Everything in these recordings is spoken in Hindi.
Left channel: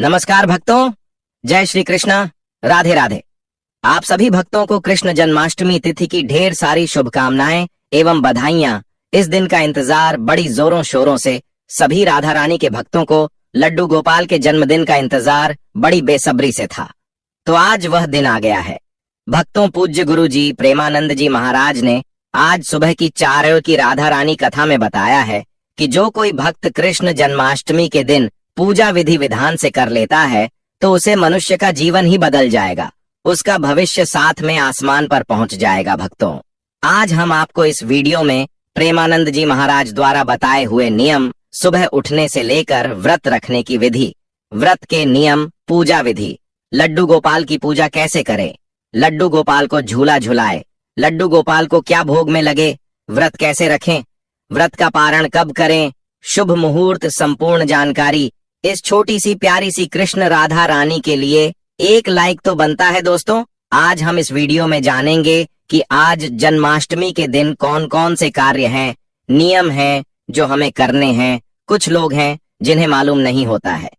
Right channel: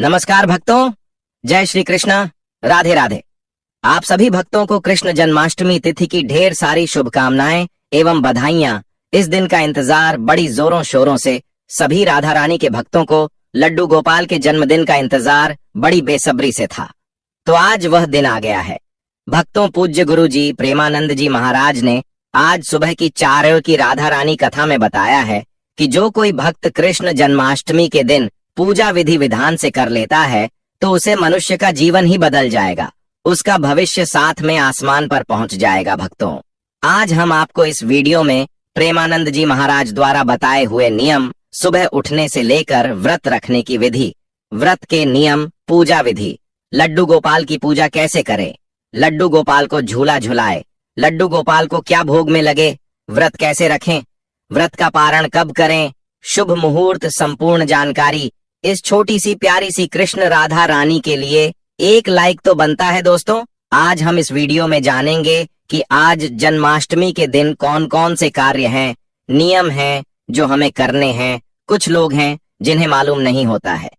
नमस्कार भक्तों, जय श्री कृष्ण, राधे राधे। आप सभी भक्तों को कृष्ण जन्माष्टमी तिथि की ढेर सारी शुभकामनाएं एवं बधाइयां। इस दिन का इंतजार बड़ी जोरों शोरों से सभी राधा रानी के भक्तों को लड्डू गोपाल के जन्मदिन का इंतजार बड़ी बेसब्री से था। तो आज वह दिन आ गया है। भक्तों, पूज्य गुरु जी प्रेमानंद जी महाराज ने आज सुबह की 4 की राधा रानी कथा में बताया है कि जो कोई भक्त कृष्ण जन्माष्टमी के दिन पूजा विधि विधान से कर लेता है तो उसे मनुष्य का जीवन ही बदल जाएगा, उसका भविष्य साथ में आसमान पर पहुंच जाएगा। भक्तों, आज हम आपको इस वीडियो में प्रेमानंद जी महाराज द्वारा बताए हुए नियम, सुबह उठने से लेकर व्रत रखने की विधि, व्रत के नियम, पूजा विधि, लड्डू गोपाल की पूजा कैसे करें, लड्डू गोपाल को झूला झुलाए, लड्डू गोपाल को क्या भोग में लगे, व्रत कैसे रखें, व्रत का पारण कब करें, शुभ मुहूर्त, संपूर्ण जानकारी इस छोटी सी प्यारी सी कृष्ण राधा रानी के लिए एक लाइक तो बनता है। दोस्तों, आज हम इस वीडियो में जानेंगे कि आज जन्माष्टमी के दिन कौन कौन से कार्य हैं, नियम हैं जो हमें करने हैं। कुछ लोग हैं जिन्हें मालूम नहीं होता है,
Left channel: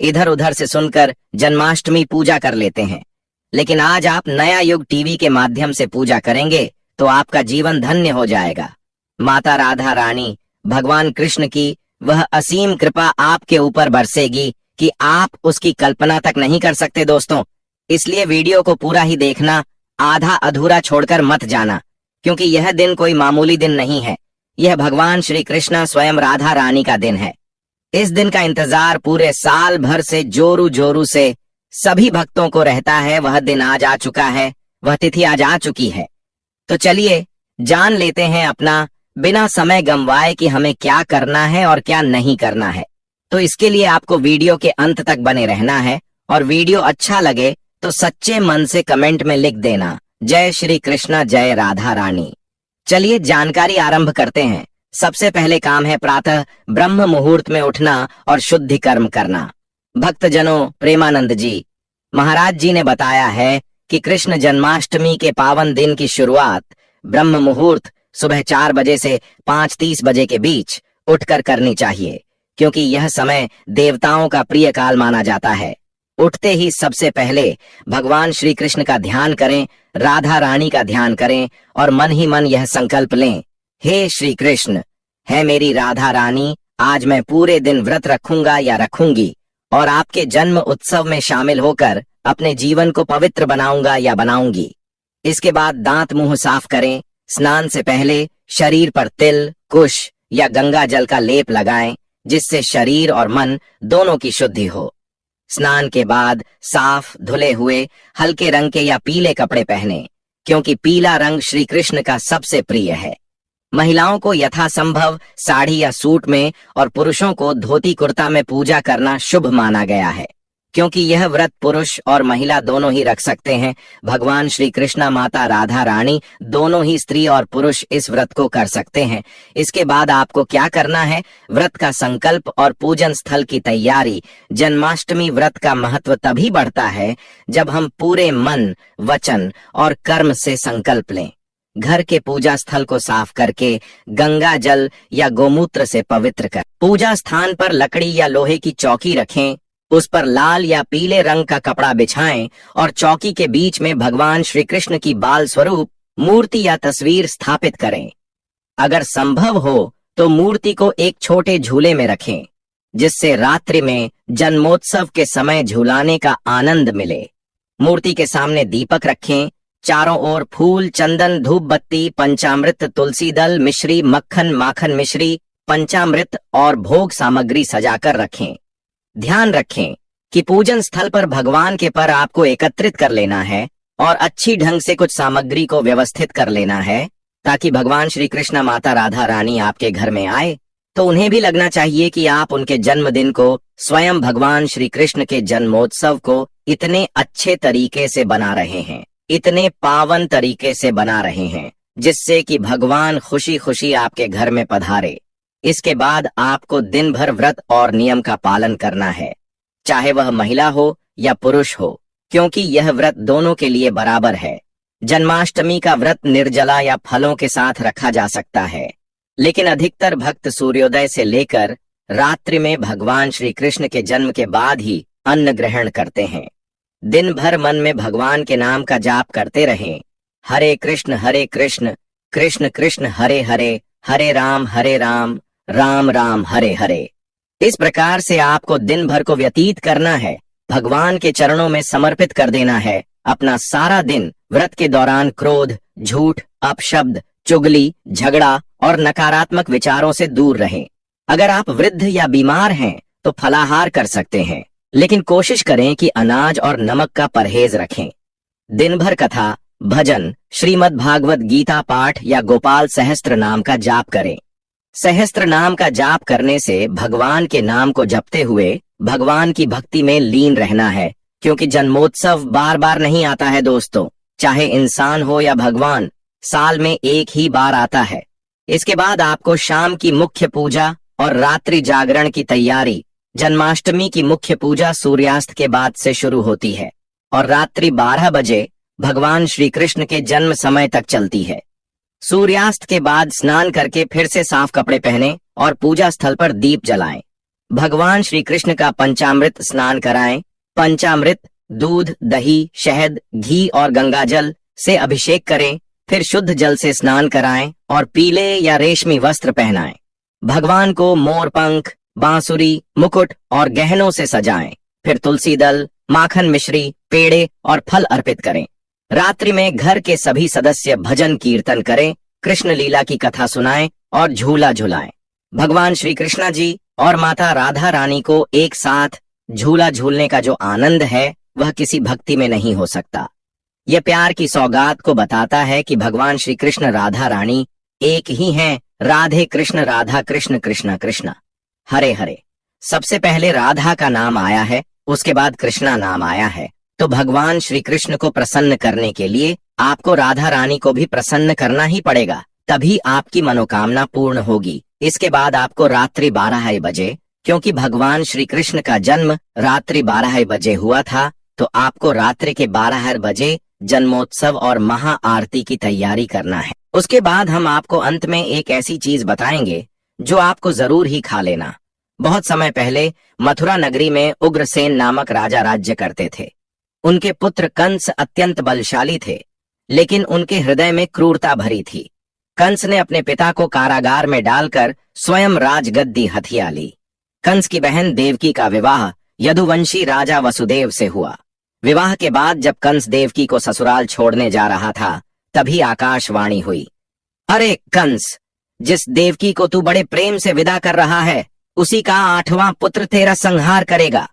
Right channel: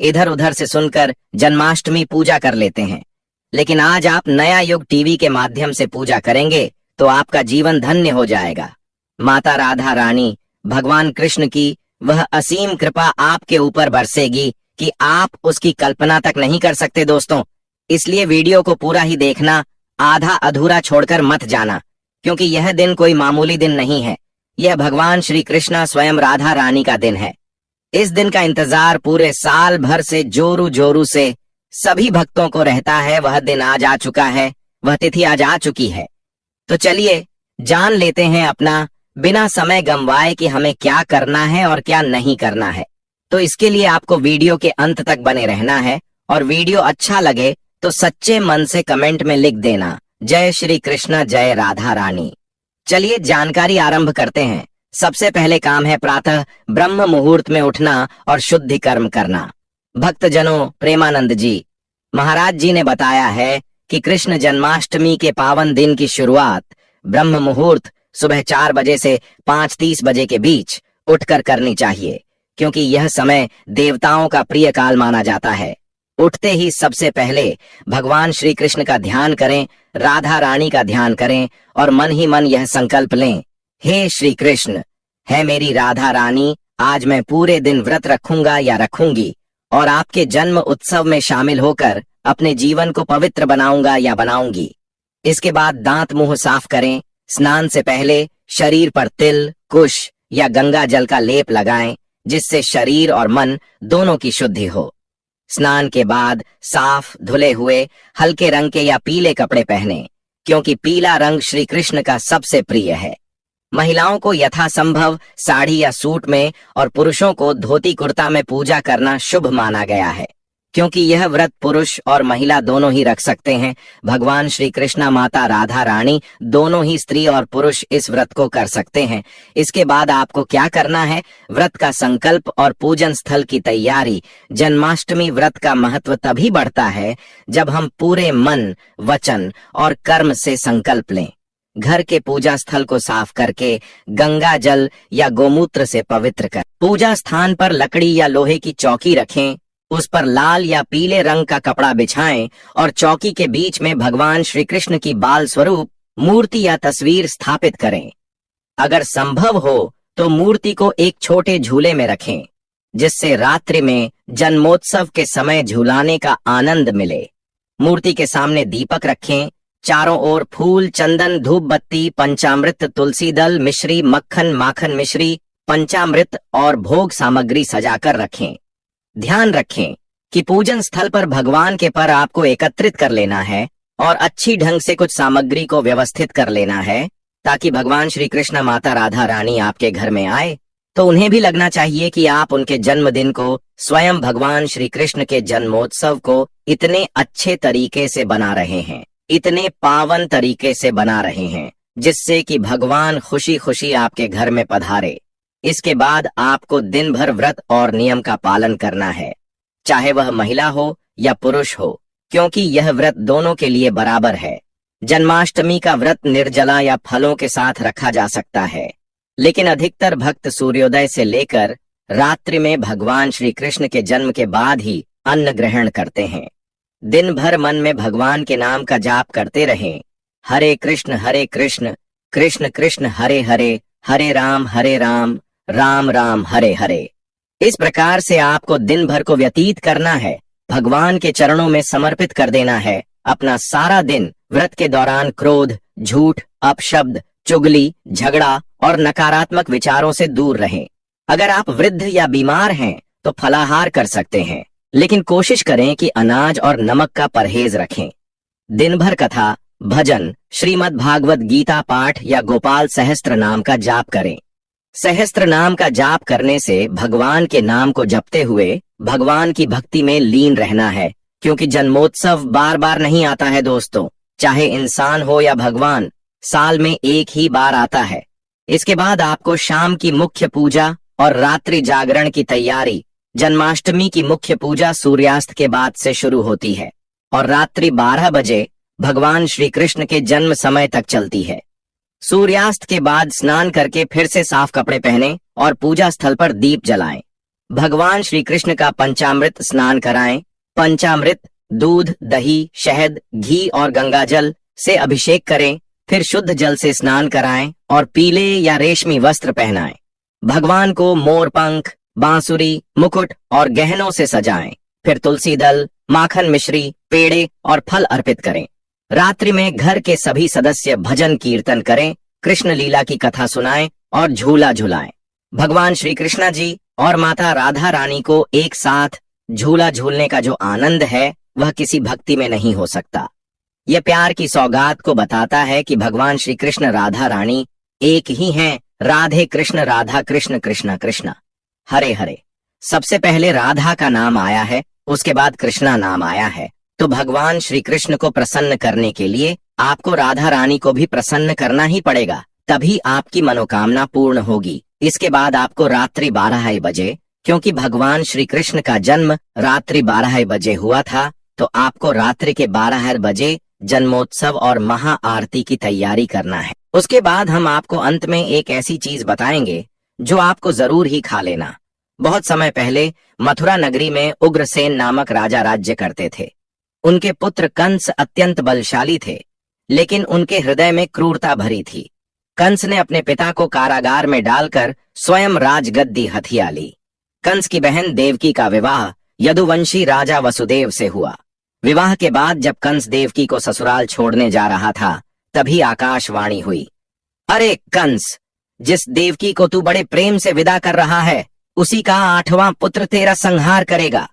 इधर उधर से सुनकर जन्माष्टमी पूजा कर लेते हैं, लेकिन आज आप नया युग टीवी के माध्यम से पूजा करेंगे तो आपका जीवन धन्य हो जाएगा। माता राधा रानी, भगवान कृष्ण की वह असीम कृपा आपके ऊपर बरसेगी कि आप उसकी कल्पना तक नहीं कर सकते। दोस्तों, इसलिए वीडियो को पूरा ही देखना, आधा अधूरा छोड़कर मत जाना, क्योंकि यह दिन कोई मामूली दिन नहीं है। यह भगवान श्री कृष्ण स्वयं राधा रानी का दिन है। इस दिन का इंतजार पूरे साल भर से जोरू जोरू से सभी भक्तों को रहता है। वह दिन आज आ चुका है, वह तिथि आज आ चुकी है। तो चलिए जान लेते हैं अपना, बिना समय गंवाए कि हमें क्या करना है और क्या नहीं करना है। तो इसके लिए आपको वीडियो के अंत तक बने रहना है, और वीडियो अच्छा लगे तो सच्चे मन से कमेंट में लिख देना, जय श्री कृष्ण, जय राधा रानी। चलिए जानकारी आरंभ करते हैं। सबसे पहले काम है प्रातः ब्रह्म मुहूर्त में उठना और शुद्धि कर्म करना। भक्तजनों, प्रेमानंद जी महाराज जी ने बताया है कि कृष्ण जन्माष्टमी के पावन दिन की शुरुआत ब्रह्म मुहूर्त सुबह 4 बजे से 5:30 बजे के बीच उठकर करनी चाहिए, क्योंकि यह समय देवताओं का प्रिय काल माना जाता है। उठते ही सबसे पहले भगवान श्री कृष्ण का ध्यान करें, राधा रानी का ध्यान करें और मन ही मन यह संकल्प लें, हे श्री कृष्ण, है मेरी राधा रानी, आज मैं पूरे दिन व्रत रखूंगा या रखूंगी और आपके जन्म उत्सव में शामिल होकर अपने जीवन को पवित्र बनाऊंगा या बनाऊंगी। इसके बाद दांत मुंह साफ करें। स्नान से पहले शरीर पर तिल, कुश या गंगा जल का लेप लगाएं, जिससे शरीर और मन दोनों की शुद्धि हो। स्नान के बाद साफ धुले हुए हल्के रंग के या पीले कपड़े पहनें, क्योंकि पीला रंग श्री कृष्ण का सबसे प्रिय है। महिलाओं को यथासंभव साड़ी या सूट में और पुरुषों को धोती कुर्ता में पूजा करना शुभ माना गया है, क्योंकि यह व्रत पुरुष और महिला दोनों ही रख सकते हैं। भगवान श्री कृष्ण, माता राधा रानी दोनों ही स्त्री और पुरुष इस व्रत को कर सकते हैं। इसके बाद आपको क्या करना है, व्रत का संकल्प और पूजन स्थल की तैयारी। जन्माष्टमी व्रत का महत्व तभी बढ़ता है जब हम पूरे मन, वचन और कर्म से संकल्प लें। घर के पूजा स्थल को साफ करके गंगा जल या गोमूत्र से पवित्र कर पूजा स्थान पर लकड़ी या लोहे की चौकी रखें, उस पर लाल या पीले रंग का कपड़ा बिछाएं और चौकी के बीच में भगवान श्री कृष्ण की बाल स्वरूप मूर्ति या तस्वीर स्थापित करें। अगर संभव हो तो मूर्ति को एक छोटे झूले में रखें, जिससे रात्रि में जन्मोत्सव के समय झूलाने का आनंद मिले। मूर्ति के सामने दीपक रखें, चारों ओर फूल, चंदन, धूप बत्ती, पंचामृत, तुलसी दल, मिश्री, मक्खन, माखन मिश्री, पंचामृत और भोग सामग्री सजाकर रखें। ध्यान रखें कि पूजन स्थल पर भगवान के पर आपको एकत्रित कर लेना है और अच्छी ढंग से कुछ सामग्री को व्यवस्थित कर लेना है, ताकि भगवान श्री कृष्ण, माता राधा रानी आपके घर में आए तो उन्हें भी लगना चाहिए कि आप उनके जन्मदिन को, स्वयं भगवान श्री कृष्ण के जन्मोत्सव को इतने अच्छे तरीके से बना रहे हैं, इतने पावन तरीके से बना रहे हैं, जिससे कि भगवान खुशी खुशी आपके घर में पधारे। इसके बाद आपको दिन भर व्रत और नियम का पालन करना है, चाहे वह महिला हो या पुरुष हो, क्योंकि यह व्रत दोनों के लिए बराबर है। जन्माष्टमी का व्रत निर्जला या फलों के साथ रखा जा सकता है, लेकिन अधिकतर भक्त सूर्योदय से लेकर रात्रि में भगवान श्री कृष्ण के जन्म के बाद ही अन्न ग्रहण करते हैं। दिन भर मन में भगवान के नाम का जाप करते रहें। हरे कृष्ण कृष्ण कृष्ण हरे हरे, हरे राम राम राम हरे हरे। इस प्रकार से आपको दिन भर को व्यतीत करना है, भगवान के चरणों में समर्पित कर देना है। अपना सारा दिन व्रत के दौरान क्रोध, झूठ, अपशब्द, चुगली, झगड़ा और नकारात्मक विचारों से दूर रहें। अगर आप वृद्ध या बीमार हैं तो फलाहार कर सकते हैं, लेकिन कोशिश करें कि अनाज और नमक का परहेज रखें। दिन भर कथा, भजन, श्रीमद् भागवत गीता पाठ या गोपाल सहस्त्र नाम का जाप करें। सहस्त्र नाम का जाप करने से भगवान के नाम को जपते हुए भगवान की भक्ति में लीन रहना है, क्योंकि जन्मोत्सव बार बार नहीं आता है दोस्तों। चाहे इंसान हो या भगवान, साल में एक ही बार आता है। इसके बाद आपको शाम की मुख्य पूजा और रात्रि जागरण की तैयारी। जन्माष्टमी की मुख्य पूजा सूर्यास्त के बाद से शुरू होती है और रात्रि 12 बजे भगवान श्री कृष्ण के जन्म समय तक चलती है। सूर्यास्त के बाद स्नान करके फिर से साफ कपड़े पहने और पूजा स्थल पर दीप जलाएं। भगवान श्री कृष्ण का पंचामृत स्नान कराएं। पंचामृत दूध, दही, शहद, घी और गंगाजल से अभिषेक करें। फिर शुद्ध जल से स्नान कराएं और पीले या रेशमी वस्त्र पहनाएं। भगवान को मोर पंख, बांसुरी, मुकुट और गहनों से सजाएं। फिर तुलसी दल, माखन मिश्री, पेड़े और फल अर्पित करें। रात्रि में घर के सभी सदस्य भजन कीर्तन करें, कृष्ण लीला की कथा सुनाएं और झूला झुलाएं। भगवान श्री कृष्णा जी और माता राधा रानी को एक साथ झूला झूलने का जो आनंद है वह किसी भक्ति में नहीं हो सकता। यह प्यार की सौगात को बताता है कि भगवान श्री कृष्ण राधा रानी एक ही हैं। राधे कृष्ण, राधा कृष्ण, कृष्णा कृष्णा, हरे हरे। सबसे पहले राधा का नाम आया है, उसके बाद कृष्णा नाम आया है। तो भगवान श्री कृष्ण को प्रसन्न करने के लिए आपको राधा रानी को भी प्रसन्न करना ही पड़ेगा, तभी आपकी मनोकामना पूर्ण होगी। इसके बाद आपको रात्रि 12 बजे, क्योंकि भगवान श्री कृष्ण का जन्म रात्रि 12 बजे हुआ था, तो आपको रात्रि के 12 बजे जन्मोत्सव और महा आरती की तैयारी करना है। उसके बाद हम आपको अंत में एक ऐसी चीज बताएंगे जो आपको जरूर ही खा लेना। बहुत समय पहले मथुरा नगरी में उग्रसेन नामक राजा राज्य करते थे। उनके पुत्र कंस अत्यंत बलशाली थे, लेकिन उनके हृदय में क्रूरता भरी थी। कंस ने अपने पिता को कारागार में डालकर स्वयं राजगद्दी हथिया ली। कंस की बहन देवकी का विवाह यदुवंशी राजा वसुदेव से हुआ। विवाह के बाद जब कंस देवकी को ससुराल छोड़ने जा रहा था, तभी आकाशवाणी हुई, अरे कंस, जिस देवकी को तू बड़े प्रेम से विदा कर रहा है, उसी का 8वां पुत्र तेरा संहार करेगा।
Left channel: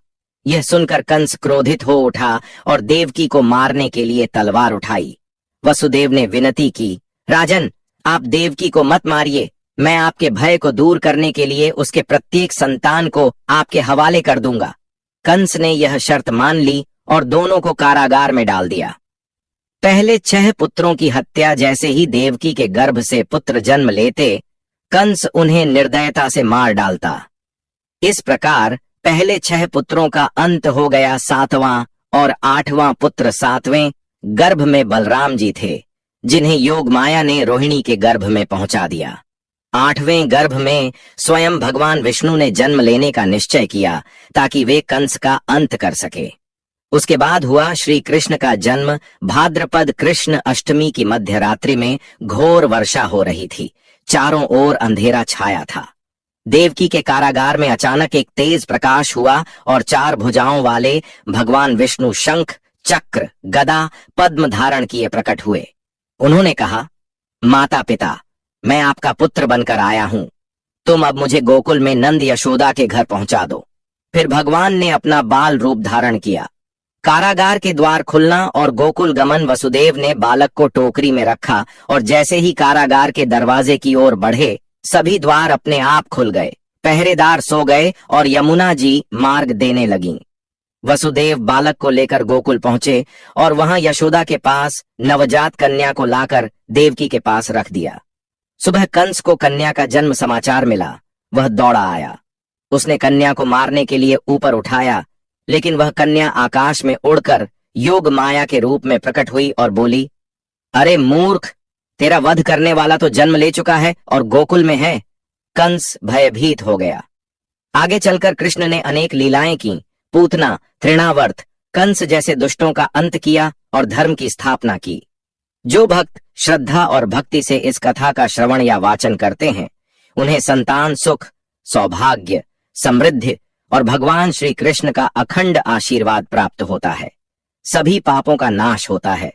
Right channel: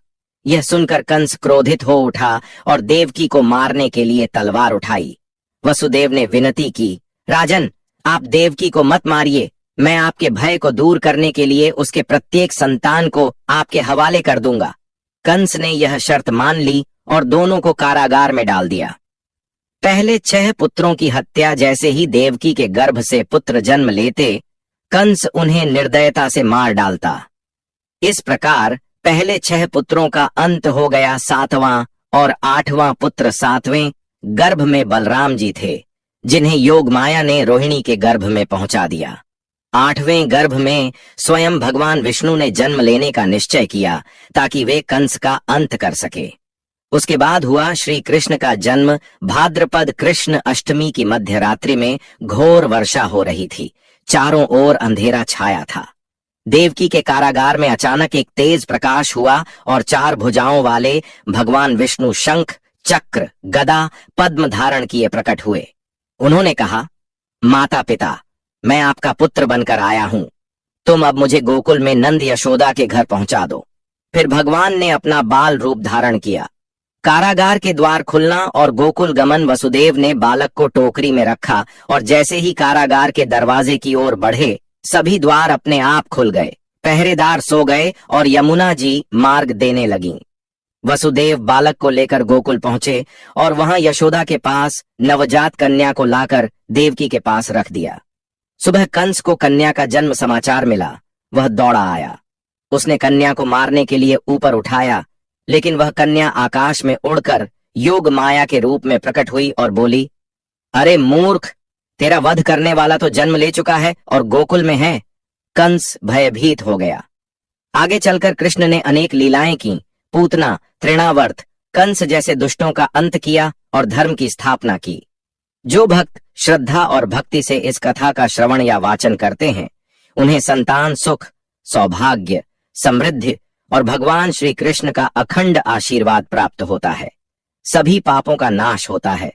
यह सुनकर कंस क्रोधित हो उठा और देवकी को मारने के लिए तलवार उठाई। वसुदेव ने विनती की, राजन, आप देवकी को मत मारिए, मैं आपके भय को दूर करने के लिए उसके प्रत्येक संतान को आपके हवाले कर दूंगा। कंस ने यह शर्त मान ली और दोनों को कारागार में डाल दिया। पहले 6 पुत्रों की हत्या जैसे ही देवकी के गर्भ से पुत्र जन्म लेते, कंस उन्हें निर्दयता से मार डालता। इस प्रकार पहले 6 पुत्रों का अंत हो गया। 7वां और 8वां पुत्र 7वें गर्भ में बलराम जी थे, जिन्हें योग माया ने रोहिणी के गर्भ में पहुंचा दिया। 8वें गर्भ में स्वयं भगवान विष्णु ने जन्म लेने का निश्चय किया, ताकि वे कंस का अंत कर सके। उसके बाद हुआ श्री कृष्ण का जन्म। भाद्रपद कृष्ण अष्टमी की मध्य रात्रि में घोर वर्षा हो रही थी। चारों ओर अंधेरा छाया था। देवकी के कारागार में अचानक एक तेज प्रकाश हुआ और 4 भुजाओं वाले भगवान विष्णु शंख, चक्र, गदा, पद्म धारण किए प्रकट हुए। उन्होंने कहा, माता पिता, मैं आपका पुत्र बनकर आया हूं। तुम अब मुझे गोकुल में नंद यशोदा के घर पहुंचा दो। फिर भगवान ने अपना बाल रूप धारण किया। कारागार के द्वार खुलना और गोकुल गमन। वसुदेव ने बालक को टोकरी में रखा और जैसे ही कारागार के दरवाजे की ओर बढ़े, सभी द्वार अपने आप खुल गए। पहरेदार सो गए और यमुना जी मार्ग देने लगीं। वसुदेव बालक को लेकर गोकुल पहुंचे और वहां यशोदा के पास नवजात कन्या को लाकर देवकी के पास रख दिया। सुबह कंस को कन्या का जन्म समाचार मिला। वह दौड़ा आया। उसने कन्या को मारने के लिए ऊपर उठाया, लेकिन वह कन्या आकाश में उड़कर योग माया के रूप में प्रकट हुई और बोली, अरे मूर्ख, तेरा वध करने वाला तो जन्म ले चुका है और गोकुल में है। कंस भयभीत हो गया। आगे चलकर कृष्ण ने अनेक लीलाएं की, पूतना, तृणावर्त, कंस जैसे दुष्टों का अंत किया और धर्म की स्थापना की। जो भक्त श्रद्धा और भक्ति से इस कथा का श्रवण या वाचन करते हैं, उन्हें संतान सुख, सौभाग्य, समृद्धि और भगवान श्री कृष्ण का अखंड आशीर्वाद प्राप्त होता है। सभी पापों का नाश होता है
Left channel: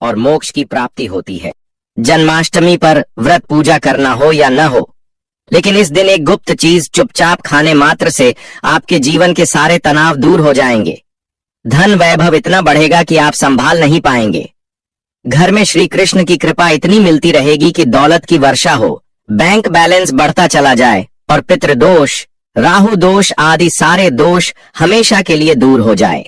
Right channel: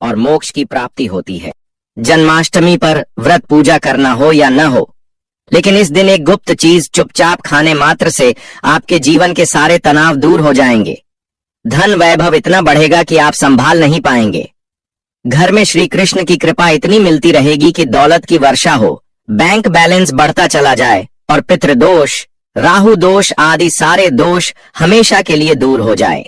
और मोक्ष की प्राप्ति होती है। जन्माष्टमी पर व्रत पूजा करना हो या न हो, लेकिन इस दिन एक गुप्त चीज चुपचाप खाने मात्र से आपके जीवन के सारे तनाव दूर हो जाएंगे। धन वैभव इतना बढ़ेगा कि आप संभाल नहीं पाएंगे। घर में श्री कृष्ण की कृपा इतनी मिलती रहेगी कि दौलत की वर्षा हो, बैंक बैलेंस बढ़ता चला जाए और पितृदोष, राहु दोष आदि सारे दोष हमेशा के लिए दूर हो जाए।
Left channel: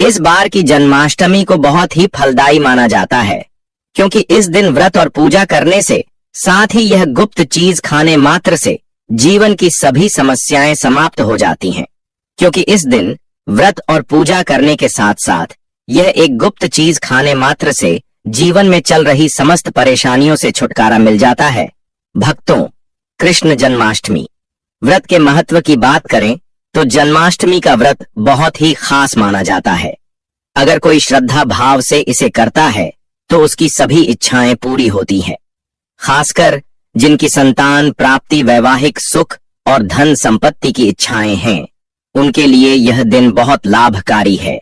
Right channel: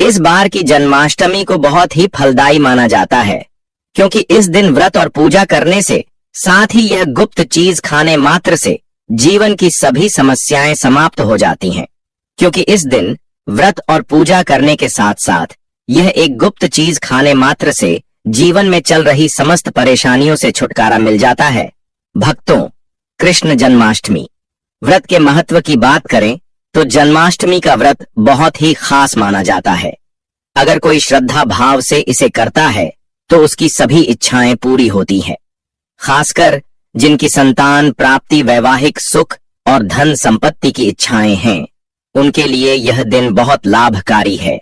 इस बार की जन्माष्टमी को बहुत ही फलदायी माना जाता है, क्योंकि इस दिन व्रत और पूजा करने से, साथ ही यह गुप्त चीज खाने मात्र से जीवन की सभी समस्याएं समाप्त हो जाती हैं। क्योंकि इस दिन व्रत और पूजा करने के साथ साथ यह एक गुप्त चीज खाने मात्र से जीवन में चल रही समस्त परेशानियों से छुटकारा मिल जाता है। भक्तों, कृष्ण जन्माष्टमी व्रत के महत्व की बात करें तो जन्माष्टमी का व्रत बहुत ही खास माना जाता है। अगर कोई श्रद्धा भाव से इसे करता है तो उसकी सभी इच्छाएं पूरी होती हैं। खासकर जिनकी संतान प्राप्ति, वैवाहिक सुख और धन संपत्ति की इच्छाएं हैं, उनके लिए यह दिन बहुत लाभकारी है।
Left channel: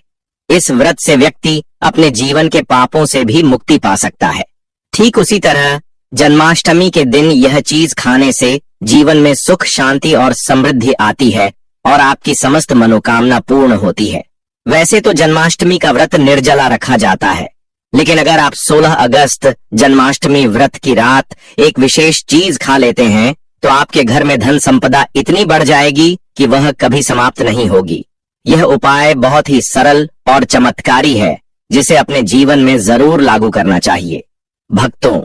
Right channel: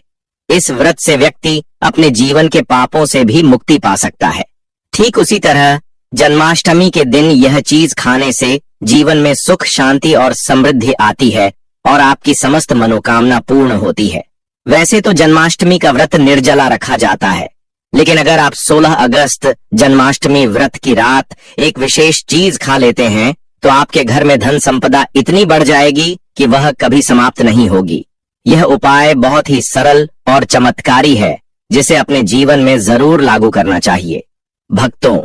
इस व्रत से व्यक्ति अपने जीवन के पापों से भी मुक्ति पा सकता है। ठीक उसी तरह जन्माष्टमी के दिन यह चीज खाने से जीवन में सुख, शांति और समृद्धि आती है और आपकी समस्त मनोकामना पूर्ण होती है। वैसे तो जन्माष्टमी का व्रत निर्जला रखा जाता है, लेकिन अगर आप 16 अगस्त जन्माष्टमी व्रत की रात एक विशेष चीज खा लेते हैं तो आपके घर में धन संपदा इतनी बढ़ जाएगी कि वह कभी समाप्त नहीं होगी। यह उपाय बहुत ही सरल और चमत्कारी है, जिसे अपने जीवन में जरूर लागू करना चाहिए। भक्तों,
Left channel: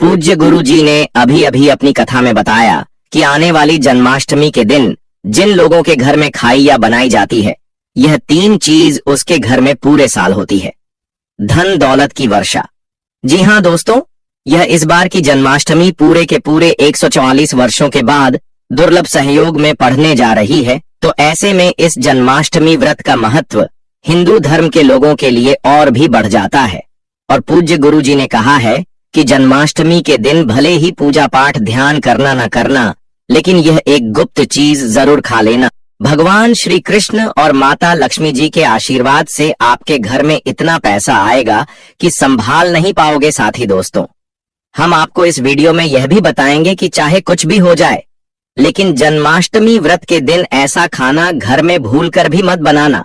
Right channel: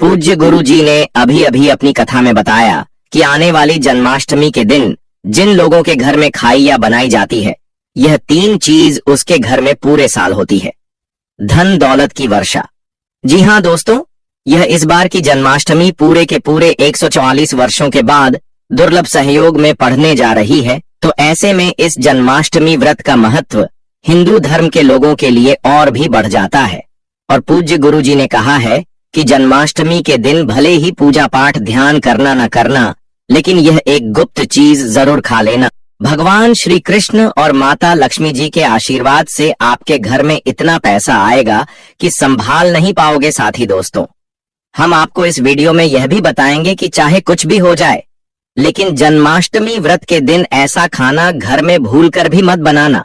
पूज्य गुरु जी ने अभी अभी अपनी कथा में बताया कि आने वाली जन्माष्टमी के दिन जिन लोगों के घर में खाई या बनाई जाती है, यह 3 चीज उसके घर में पूरे साल होती है। धन दौलत की वर्षा। जी हाँ दोस्तों, यह इस बार की जन्माष्टमी पूरे के पूरे 144 वर्षों के बाद दुर्लभ सहयोग में पढ़ने जा रही है। तो ऐसे में इस जन्माष्टमी व्रत का महत्व हिंदू धर्म के लोगों के लिए और भी बढ़ जाता है। और पूज्य गुरु जी ने कहा है कि जन्माष्टमी के दिन भले ही पूजा पाठ ध्यान करना न करना, लेकिन यह एक गुप्त चीज जरूर खा लेना। भगवान श्री कृष्ण और माता लक्ष्मी जी के आशीर्वाद से आपके घर में इतना पैसा आएगा कि संभाल नहीं पाओगे। साथी दोस्तों, हम आपको इस वीडियो में यह भी बताएंगे कि चाहे कुछ भी हो जाए, लेकिन जन्माष्टमी व्रत के दिन ऐसा खाना घर में भूलकर भी मत बनाना,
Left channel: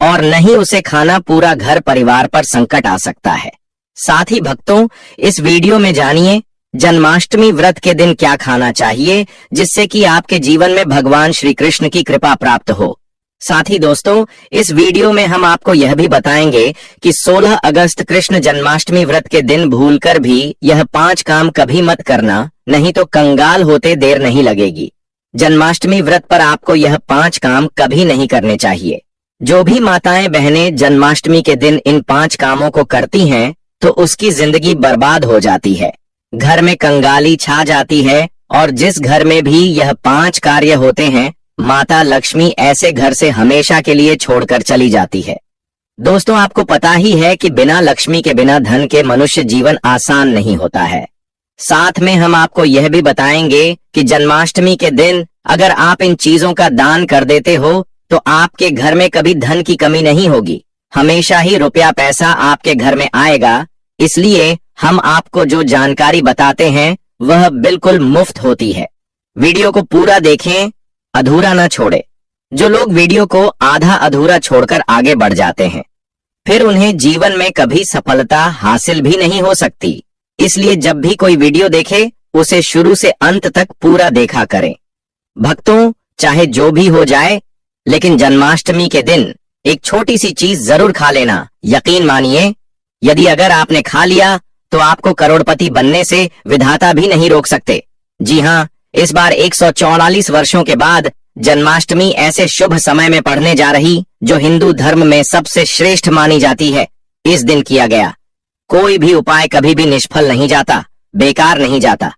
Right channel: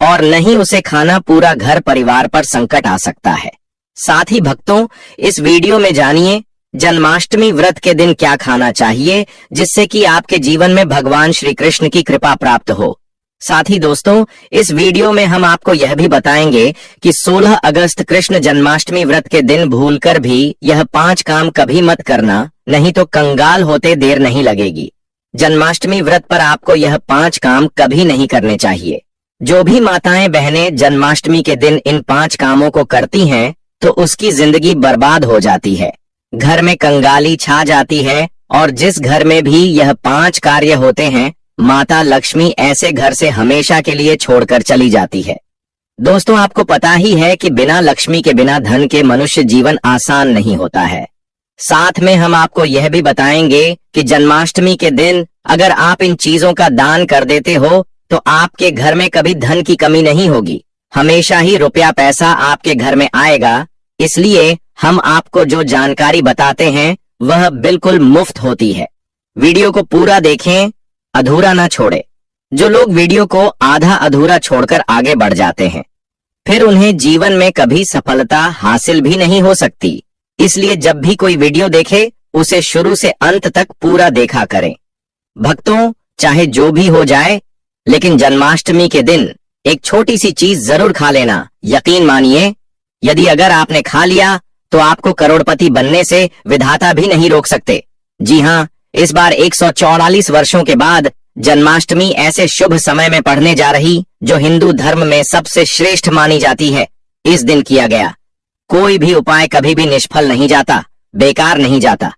और नहीं उसे खाना पूरा घर परिवार पर संकट आ सकता है। साथ ही भक्तों, इस वीडियो में जानिए जन्माष्टमी व्रत के दिन क्या खाना चाहिए, जिससे कि आपके जीवन में भगवान श्री कृष्ण की कृपा प्राप्त हो। साथ ही दोस्तों, इस वीडियो में हम आपको यह भी बताएंगे कि 16 अगस्त कृष्ण जन्माष्टमी व्रत के दिन भूलकर भी यह 5 काम कभी मत करना, नहीं तो कंगाल होते देर नहीं लगेगी। जन्माष्टमी व्रत पर आपको यह 5 काम कभी नहीं करने चाहिए। जो भी माताएं बहनें जन्माष्टमी के दिन इन 5 कामों को करती हैं, तो उसकी जिंदगी बर्बाद हो जाती है, घर में कंगाली छा जाती है, और जिस घर में भी यह 5 कार्य होते हैं, माता लक्ष्मी ऐसे घर से हमेशा के लिए छोड़कर चली जाती है। दोस्तों, आपको पता ही है कि बिना लक्ष्मी के, बिना धन के मनुष्य जीवन आसान नहीं होता है। साथ में हम आपको यह भी बताएंगे कि जन्माष्टमी के दिन अगर आप इन चीजों का दान कर देते हो तो आपके घर में कभी धन की कमी नहीं होगी, हमेशा ही रुपया पैसा आपके घर में आएगा। इसलिए हम आपको जो जानकारी बताते हैं वह बिल्कुल मुफ्त होती है। वीडियो को पूरा देखें, अधूरा ना छोड़े। जो लोग वीडियो को आधा अधूरा छोड़कर आगे बढ़ जाते हैं, फिर उन्हें जीवन में कभी सफलता हासिल भी नहीं हो सकती। इसलिए जब भी कोई वीडियो देखे, उसे शुरू से अंत तक पूरा देखा करें। भक्तों, चाहे जो भी हो जाए, लेकिन जन्माष्टमी के दिन एक छोटी सी चीज जरूर खा लेना। यकीन मानिए, यदि अगर आपने खा लिया तो आपको करोड़पति बनने से विधाता भी नहीं रोक सकते। जी हाँ, इस बार 144 वर्षों के बाद जन्माष्टमी ऐसे शुभ समय में पढ़ने जा रही, जो हिंदू धर्म में सबसे श्रेष्ठ मानी जाती है। इस दिन किया गया कोई भी उपाय कभी भी निष्फल नहीं जाता, बेकार नहीं जाता,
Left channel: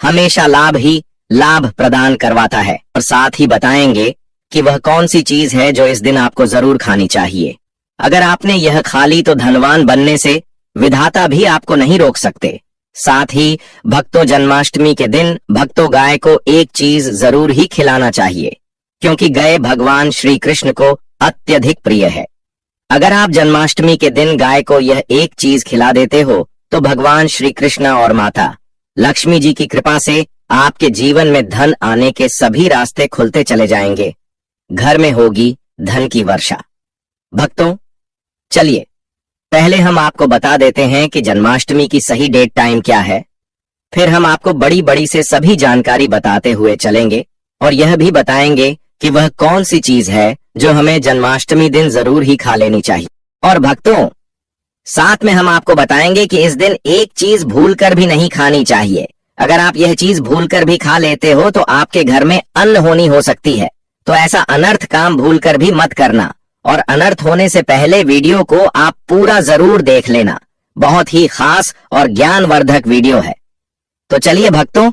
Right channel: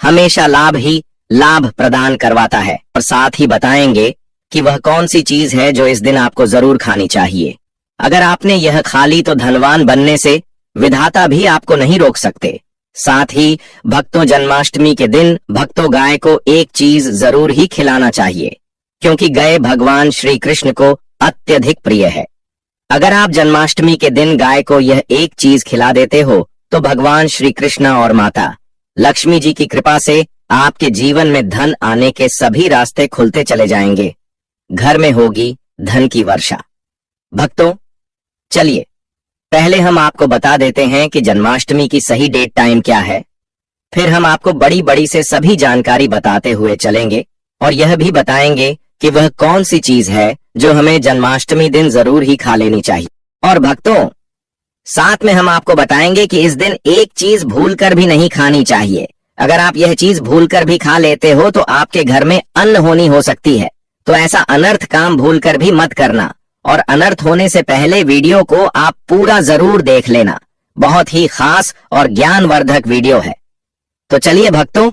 हमेशा लाभ ही लाभ प्रदान करवाता है। और साथ ही बताएंगे कि वह कौन सी चीज है जो इस दिन आपको जरूर खानी चाहिए। अगर आपने यह खा ली तो धनवान बनने से विधाता भी आपको नहीं रोक सकते। साथ ही भक्तों, जन्माष्टमी के दिन भक्तों गाय को एक चीज जरूर ही खिलाना चाहिए, क्योंकि गाय भगवान श्री कृष्ण को अत्यधिक प्रिय है। अगर आप जन्माष्टमी के दिन गाय को यह एक चीज खिला देते हो तो भगवान श्री कृष्ण और माता लक्ष्मी जी की कृपा से आपके जीवन में धन आने के सभी रास्ते खुलते चले जाएंगे। घर में होगी धन की वर्षा। भक्तों, चलिए पहले हम आपको बता देते हैं कि जन्माष्टमी की सही डेट टाइम क्या है। फिर हम आपको बड़ी बड़ी से सभी जानकारी बताते हुए चलेंगे और यह भी बताएंगे कि वह कौन सी चीज है जो हमें जन्माष्टमी दिन जरूर ही खा लेनी चाहिए। और भक्तों, साथ में हम आपको बताएंगे कि इस दिन एक चीज भूलकर भी नहीं खानी चाहिए। अगर आप यह चीज भूलकर भी खा लेते हो तो आपके घर में अन्न होनी हो सकती है। तो ऐसा अनर्थ काम भूलकर भी मत करना, और अनर्थ होने से पहले वीडियो को आप पूरा जरूर देख लेना। बहुत ही खास और ज्ञानवर्धक वीडियो है। तो चलिए भक्तों,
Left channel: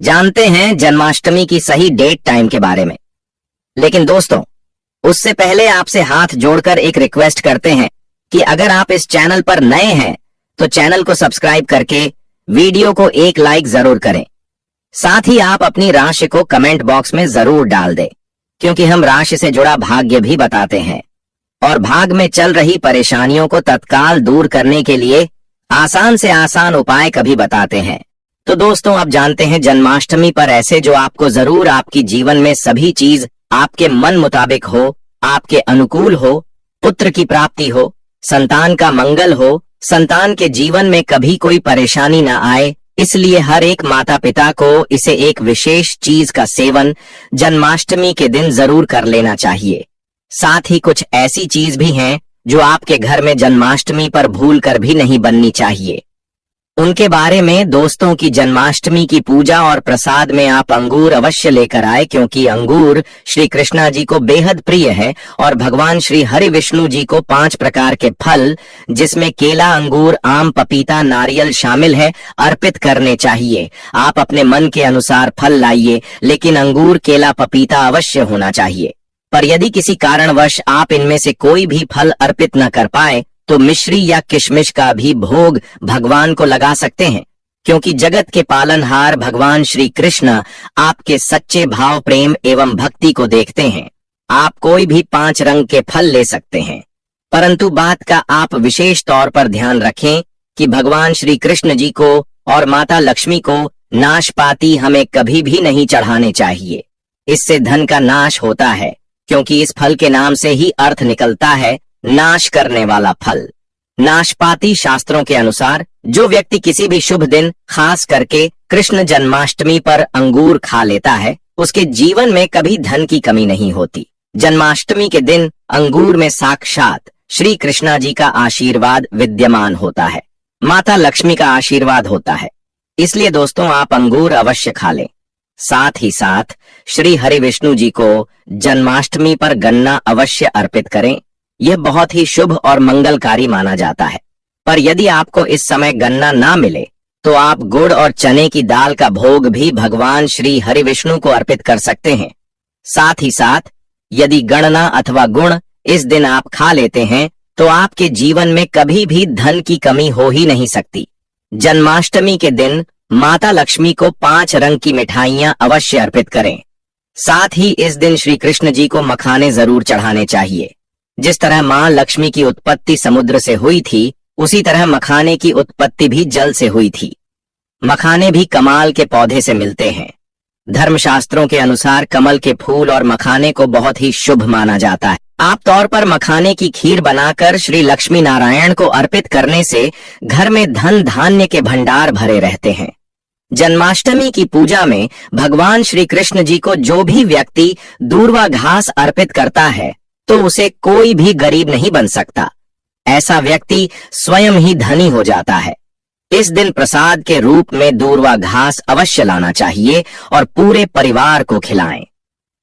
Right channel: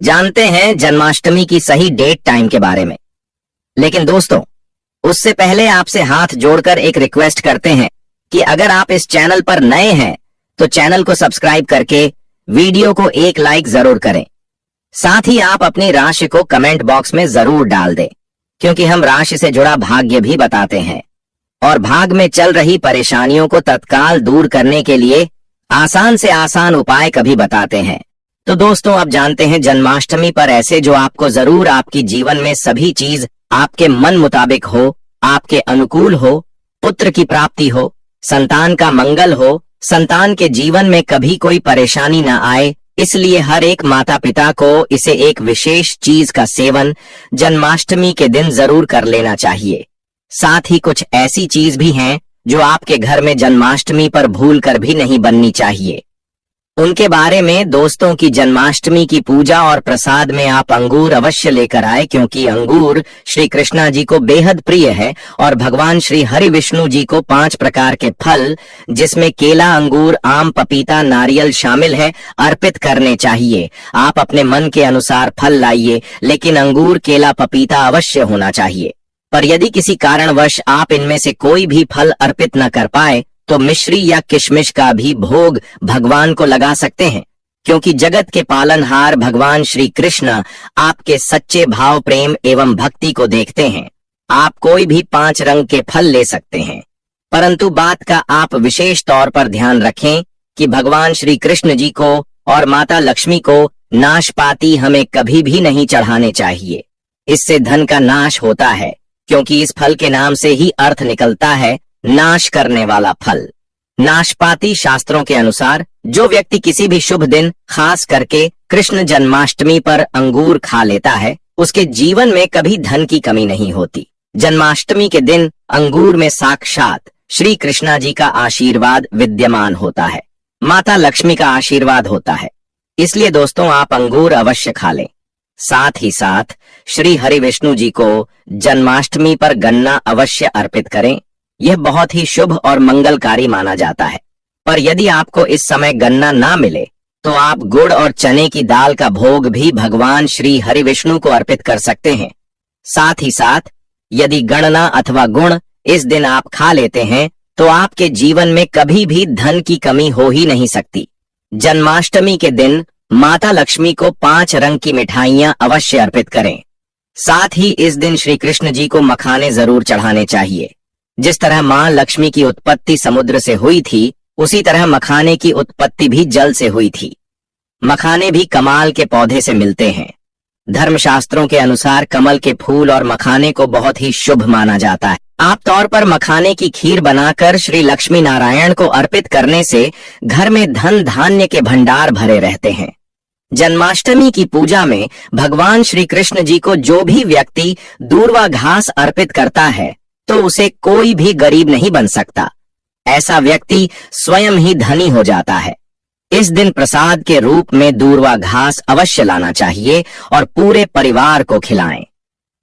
जानते हैं जन्माष्टमी की सही डेट टाइम के बारे में। लेकिन दोस्तों, उससे पहले आपसे हाथ जोड़कर एक रिक्वेस्ट करते हैं कि अगर आप इस चैनल पर नए हैं तो चैनल को सब्सक्राइब करके वीडियो को एक लाइक जरूर करें। साथ ही आप अपनी राशि को कमेंट बॉक्स में जरूर डाल दें, क्योंकि हम राशि से जुड़ा भाग्य भी बताते हैं और भाग में चल रही परेशानियों को तत्काल दूर करने के लिए आसान से आसान उपाय कभी बताते हैं। तो दोस्तों, आप जानते हैं जन्माष्टमी पर ऐसे जो आपको जरूर आपकी जीवन में सभी चीज आपके मन मुताबिक हो, आपके अनुकूल हो, पुत्र की प्राप्ति हो, संतान का मंगल हो, संतान के जीवन में कभी कोई परेशानी न आए, इसलिए हर एक माता पिता को इसे एक विशेष चीज का सेवन जन्माष्टमी के दिन जरूर कर लेना चाहिए। साथ ही कुछ ऐसी चीज भी हैं जो आपके घर में जन्माष्टमी पर भूल कर भी नहीं बननी चाहिए। उनके बारे में दोस्तों की जन्माष्टमी की पूजा और प्रसाद में आप अंगूर अवश्य लेकर आए, क्योंकि अंगूर श्री कृष्णा जी को बेहद प्रिय है और भगवान श्री हरि विष्णु जी को 5 प्रकार के फल, जिसमें केला, अंगूर, आम, पपीता, नारियल शामिल है, अर्पित करने चाहिए। आप अपने मन के अनुसार फल लाइए, लेकिन अंगूर, केला, पपीता अवश्य होना चाहिए। पर यदि किसी कारणवश आप इनमें से कोई भी फल अर्पित न कर पाए तो मिश्री या किशमिश का भी भोग भगवान को लगा सकते हैं, क्योंकि जगत के पालनहार भगवान श्री कृष्ण आपके सच्चे भाव, प्रेम एवं भक्ति को देखते हैं। आप कोई भी 5 रंग के फल ले सकते हैं, परंतु बात का आप विशेष तौर पर ध्यान रखें कि भगवान श्री कृष्ण जी को और माता लक्ष्मी को नाशपाती हमें कभी भी नहीं चढ़ाने चाहिए। इससे धन का नाश होता है, क्योंकि इस फल के नाम से ही अर्थ निकलता है नाश करने वाला फल। नाशपाती शास्त्रों के अनुसार जो व्यक्ति किसी भी शुभ दिन, खास करके कृष्ण जन्माष्टमी पर अंगूर खा लेता है, उसके जीवन में कभी धन की कमी नहीं होती। जन्माष्टमी के दिन अंगूर में साक्षात श्री कृष्णा जी का आशीर्वाद विद्यमान होता है, माता लक्ष्मी का आशीर्वाद होता है। इसलिए दोस्तों, आप अंगूर अवश्य खा लें। साथ ही साथ श्री हरि विष्णु जी को जन्माष्टमी पर गन्ना अवश्य अर्पित करें। यह बहुत ही शुभ और मंगलकारी माना जाता है। पर यदि आपको इस समय गन्ना ना मिले तो आप गुड़ और चने की दाल का भोग भी भगवान श्री हरि विष्णु को अर्पित कर सकते हैं। साथ ही साथ यदि गणना अथवा गुण इस दिन आप खा लेते हैं तो आपके जीवन में कभी भी धन की कमी हो ही नहीं सकती। जन्माष्टमी के दिन माता लक्ष्मी को 5 रंग की मिठाइयां अवश्य अर्पित करें। साथ ही इस दिन श्री कृष्ण जी को मखाने जरूर चढ़ाने चाहिए। जिस तरह मां लक्ष्मी की उत्पत्ति समुद्र से हुई थी, उसी तरह मखाने की उत्पत्ति भी जल से हुई थी। मखाने भी कमाल के पौधे से मिलते हैं। धर्मशास्त्रों के अनुसार कमल के फूल और मखाने को बहुत ही शुभ माना जाता है। आम तौर पर मखाने की खीर बनाकर श्री लक्ष्मी नारायण को अर्पित करने से घर में धन धान्य के भंडार भरे रहते हैं। जन्माष्टमी की पूजा में भगवान श्री कृष्ण जी को जो भी व्यक्ति दूर्वा घास अर्पित करता है तो उसे कोई भी गरीब नहीं बन सकता। ऐसा व्यक्ति स्वयं ही धनी हो जाता है। इस दिन प्रसाद के रूप में दूर्वा घास अवश्य लाना चाहिए और पूरे परिवार को खिलाएं।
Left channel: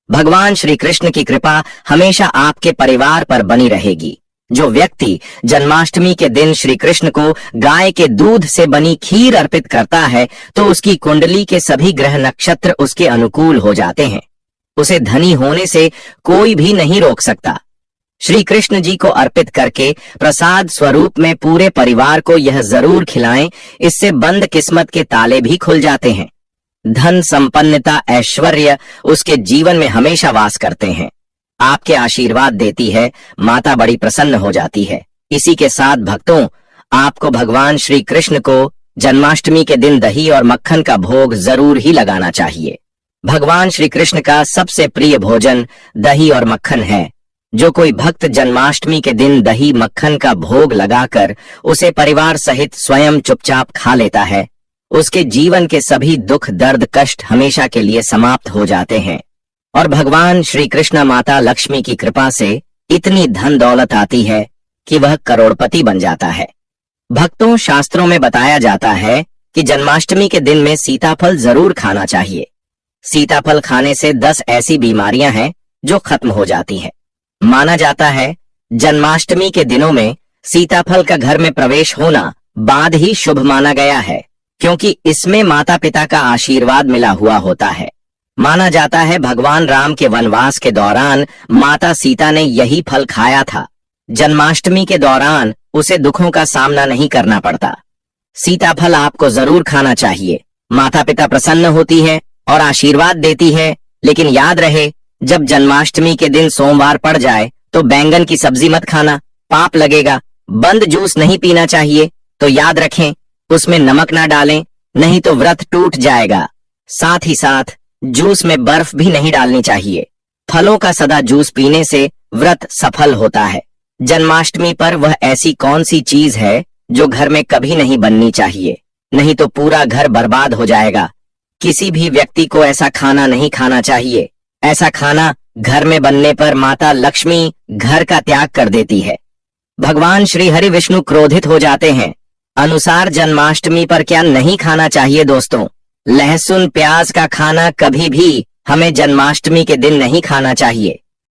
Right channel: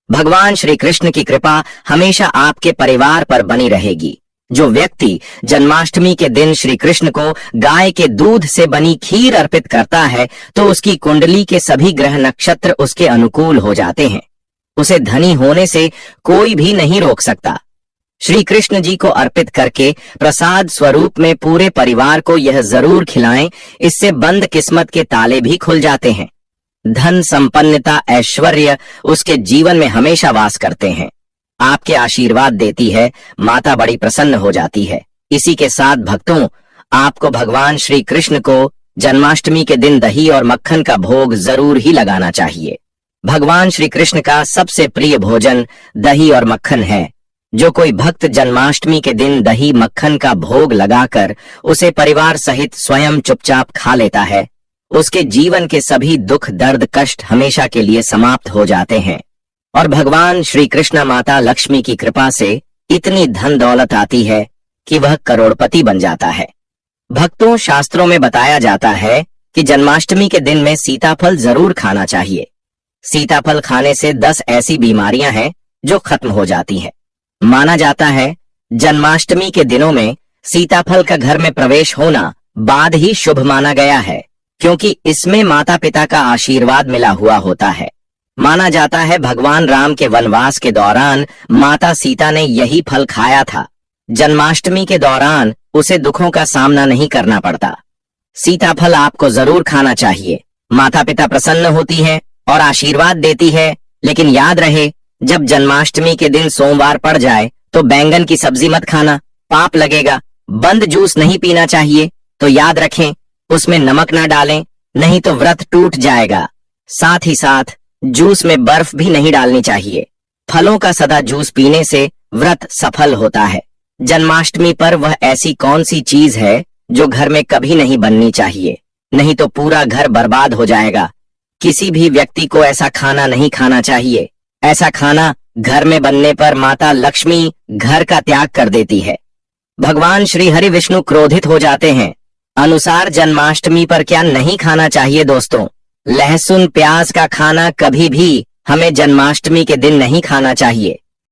भगवान श्री कृष्ण की कृपा हमेशा आपके परिवार पर बनी रहेगी। जो व्यक्ति जन्माष्टमी के दिन श्री कृष्ण को गाय के दूध से बनी खीर अर्पित करता है तो उसकी कुंडली के सभी ग्रह नक्षत्र उसके अनुकूल हो जाते हैं। उसे धनी होने से कोई भी नहीं रोक सकता। श्री कृष्ण जी को अर्पित करके प्रसाद स्वरूप में पूरे परिवार को यह जरूर खिलाएं, इससे बंद किस्मत के ताले भी खुल जाते हैं। धन संपन्नता ऐश्वर्य उसके जीवन में हमेशा वास करते हैं। आपके आशीर्वाद देती है, माता बड़ी प्रसन्न हो जाती है। इसी के साथ भक्तों, आपको भगवान श्री कृष्ण को जन्माष्टमी के दिन दही और मक्खन का भोग जरूर ही लगाना चाहिए। भगवान श्री कृष्ण का सबसे प्रिय भोजन दही और मक्खन है। जो कोई भक्त जन्माष्टमी के दिन दही मक्खन का भोग लगाकर उसे परिवार सहित स्वयं चुपचाप खा लेता है, उसके जीवन के सभी दुख दर्द कष्ट हमेशा के लिए समाप्त हो जाते हैं और भगवान श्री कृष्ण माता लक्ष्मी की कृपा से इतनी धन दौलत आती है कि वह करोड़पति बन जाता है। भक्तों, शास्त्रों में बताया जाता है कि जन्माष्टमी के दिन में सीताफल जरूर खाना चाहिए। सीताफल खाने से 10 ऐसी बीमारियां हैं जो खत्म हो जाती है। माना जाता है जन्माष्टमी के दिनों में सीताफल का घर में प्रवेश होना बाद ही शुभ माना गया है, क्योंकि इसमें माता पिता का आशीर्वाद मिला हुआ होता है। माना जाता है भगवान राम के वनवास के दौरान माता सीता ने यही फल खाया था। जन्माष्टमी के दौरान उसे दुखों का सामना नहीं करना पड़ता। सीताफल आपको जरूर खाना चाहिए। माता पिता प्रसन्न होती है और आशीर्वाद देती है। लेकिन याद रहे, जब जन्माष्टमी के दिन सोमवार पड़ जाए तो बैंगन की सब्जी मत खाना, पाप लगेगा। बंद जूस नहीं पीना चाहिए, तो याद रखें उसमें नमक ना डालें, नहीं तो व्रत टूट जाएगा। साथ ही साथ जूस में बर्फ भी नहीं डालनी चाहिए। फलों का सदा जूस पीने से व्रत सफल होता है। जन्माष्टमी पर वह ऐसी कौन सी चीज है जो घर में कभी नहीं बननी चाहिए, नहीं तो पूरा घर बर्बाद हो जाएगा। किसी भी व्यक्ति को ऐसा खाना नहीं खाना चाहिए। ऐसा खाना घर में बनने पर माता लक्ष्मी घर का त्याग कर देती है। भगवान श्री हरि विष्णु क्रोधित हो जाते हैं। अनुसार जन्माष्टमी पर क्या नहीं खाना चाहिए दोस्तों? लहसुन प्याज का खाना कभी भी हमें जन्माष्टमी के दिन नहीं खाना चाहिए।